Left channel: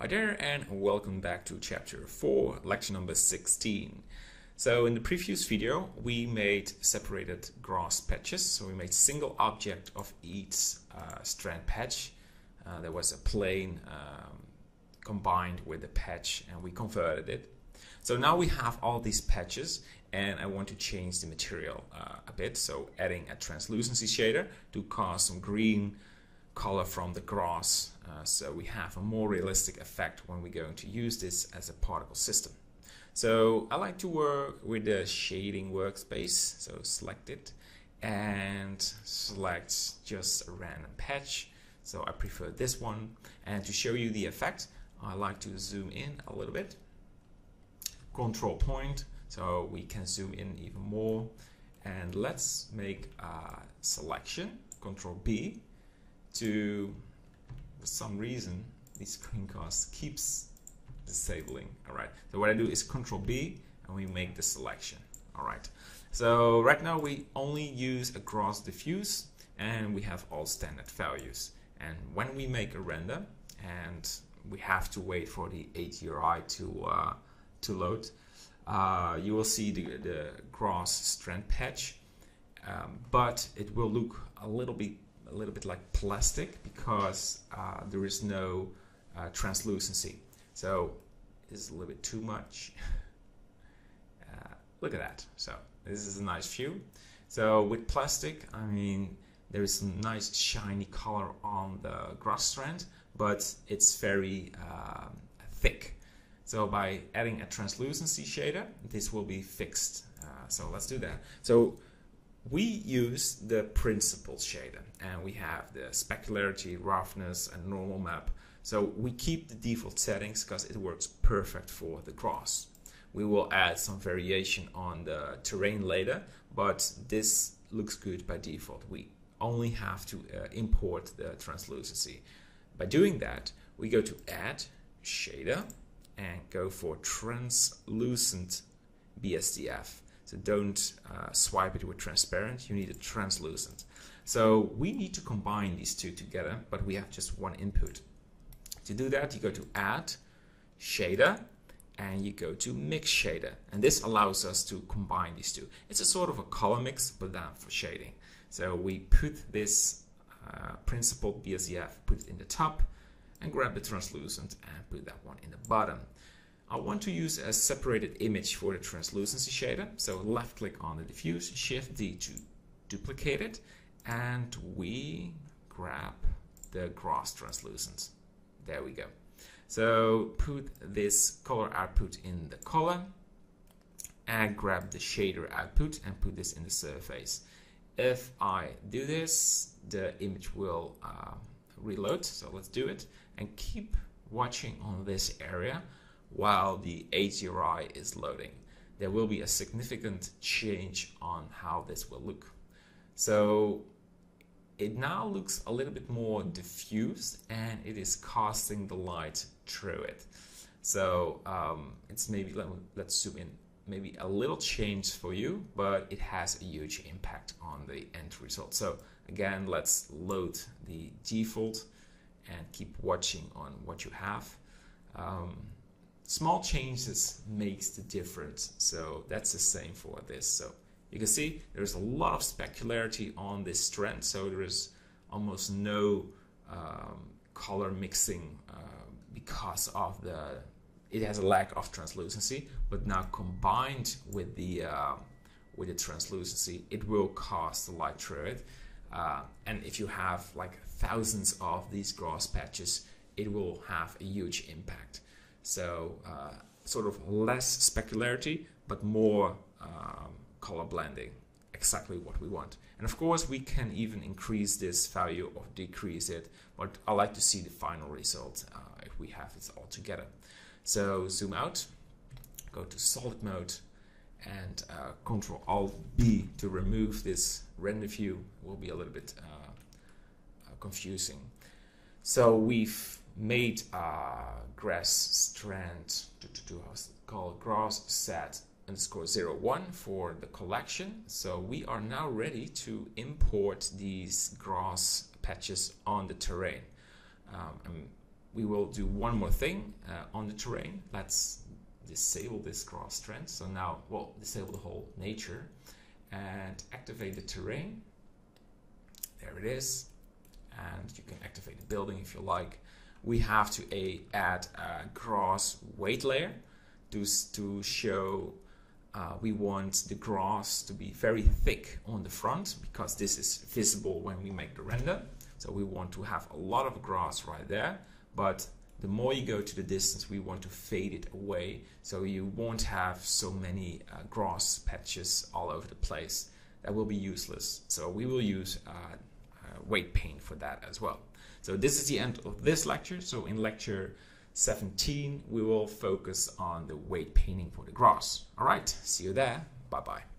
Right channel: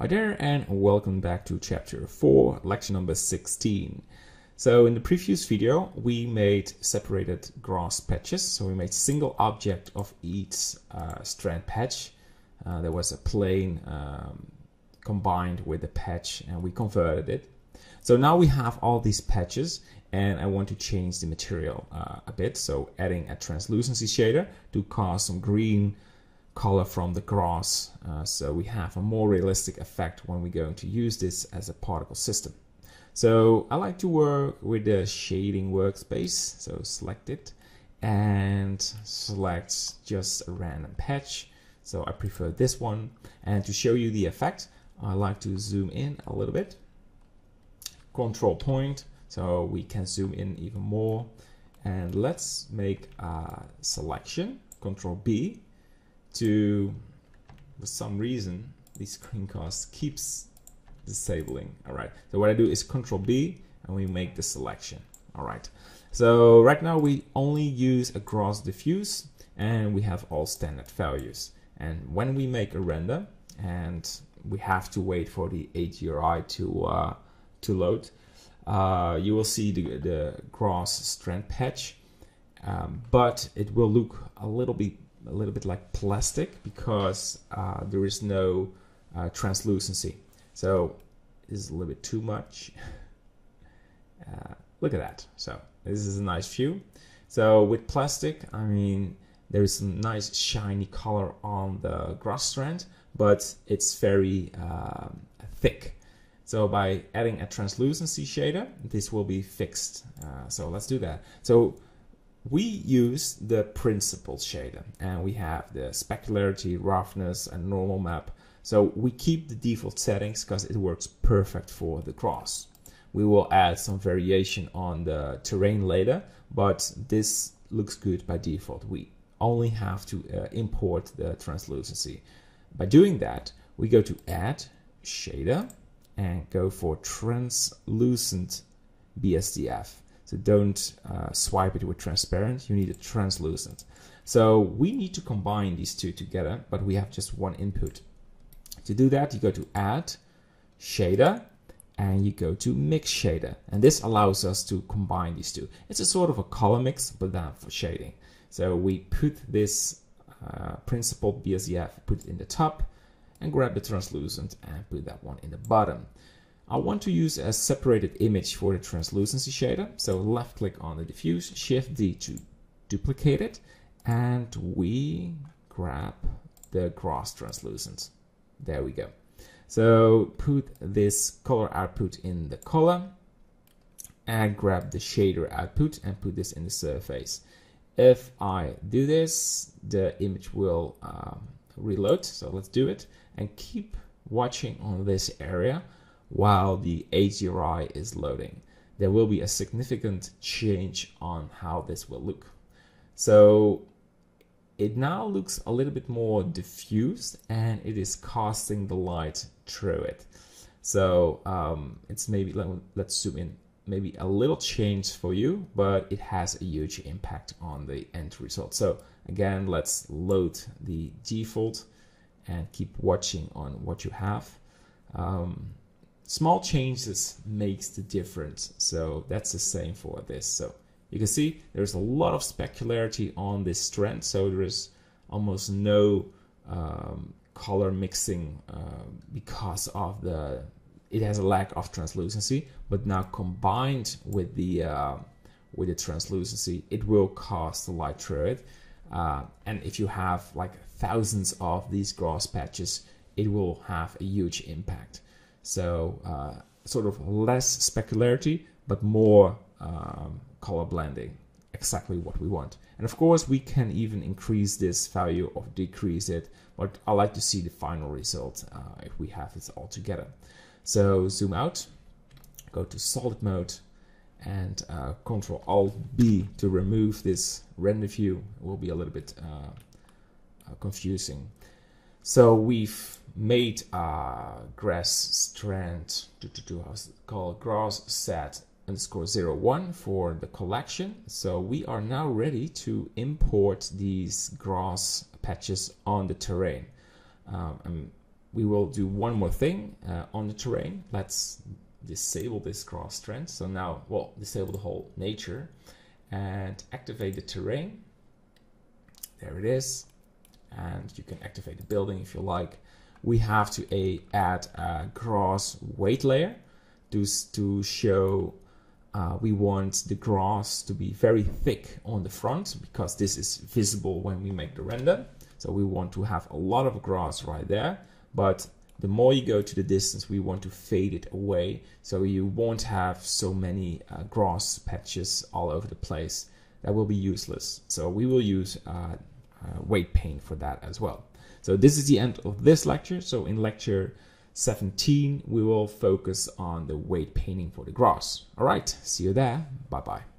Hi there, and welcome back to chapter 4, lecture number 16. So in the previous video we made separated grass patches. So we made single object of each strand patch. There was a plane combined with the patch and we converted it. So now we have all these patches and I want to change the material a bit. So adding a translucency shader to cause some green color from the grass, so we have a more realistic effect when we're going to use this as a particle system. So I like to work with the shading workspace, so select it and select just a random patch. So I prefer this one, and to show you the effect I like to zoom in a little bit, control point, so we can zoom in even more, and let's make a selection, control B. For some reason this screencast keeps disabling. Alright, so what I do is Control B and we make the selection. Alright, so right now we only use a grass diffuse and we have all standard values, and when we make a render and we have to wait for the HDRI to load, you will see the grass strand patch, but it will look a little bit like plastic because there is no translucency. So this is a little bit too much. Look at that. So this is a nice view. So with plastic, I mean, there is a nice shiny color on the grass strand, but it's very thick. So by adding a translucency shader, this will be fixed. So let's do that. So we use the principal shader and we have the specularity, roughness and normal map. So we keep the default settings because it works perfect for the grass. We will add some variation on the terrain later, but this looks good by default. We only have to import the translucency. By doing that, we go to add shader and go for translucent BSDF. So don't swipe it with transparent, you need a translucent. So we need to combine these two together, but we have just one input. To do that, you go to add shader and you go to mix shader. And this allows us to combine these two. It's a sort of a color mix, but then for shading. So we put this principled BSDF, put it in the top and grab the translucent and put that one in the bottom. I want to use a separated image for the translucency shader. So left click on the diffuse, Shift D to duplicate it, and we grab the grass translucent. There we go. So put this color output in the color and grab the shader output and put this in the surface. If I do this, the image will reload. So let's do it and keep watching on this area while the HDRI is loading. There will be a significant change on how this will look. So it now looks a little bit more diffused and it is casting the light through it. So it's maybe, let's zoom in, maybe a little change for you, but it has a huge impact on the end result. So again, let's load the default and keep watching on what you have. Small changes makes the difference, so that's the same for this. So you can see there's a lot of specularity on this strand, so there is almost no color mixing because of it has a lack of translucency. But now combined with the translucency, it will cast the light through it. And if you have like thousands of these grass patches, it will have a huge impact. So sort of less specularity, but more color blending, exactly what we want. And of course, we can even increase this value or decrease it, but I like to see the final result if we have it all together. So zoom out, go to solid mode, and Control Alt B to remove this render view. It will be a little bit confusing. So we've made a grass strand called grass set _01 for the collection. So we are now ready to import these grass patches on the terrain. I'm we will do one more thing on the terrain. Let's disable this grass strand. So now, well, disable the whole nature and activate the terrain. There it is. And you can activate the building if you like. We have to add a grass weight layer to show we want the grass to be very thick on the front, because this is visible when we make the render. So we want to have a lot of grass right there, but the more you go to the distance, we want to fade it away, so you won't have so many grass patches all over the place. That will be useless. So we will use weight paint for that as well. So this is the end of this lecture. So in lecture 17, we will focus on the weight painting for the grass. All right, see you there. Bye-bye.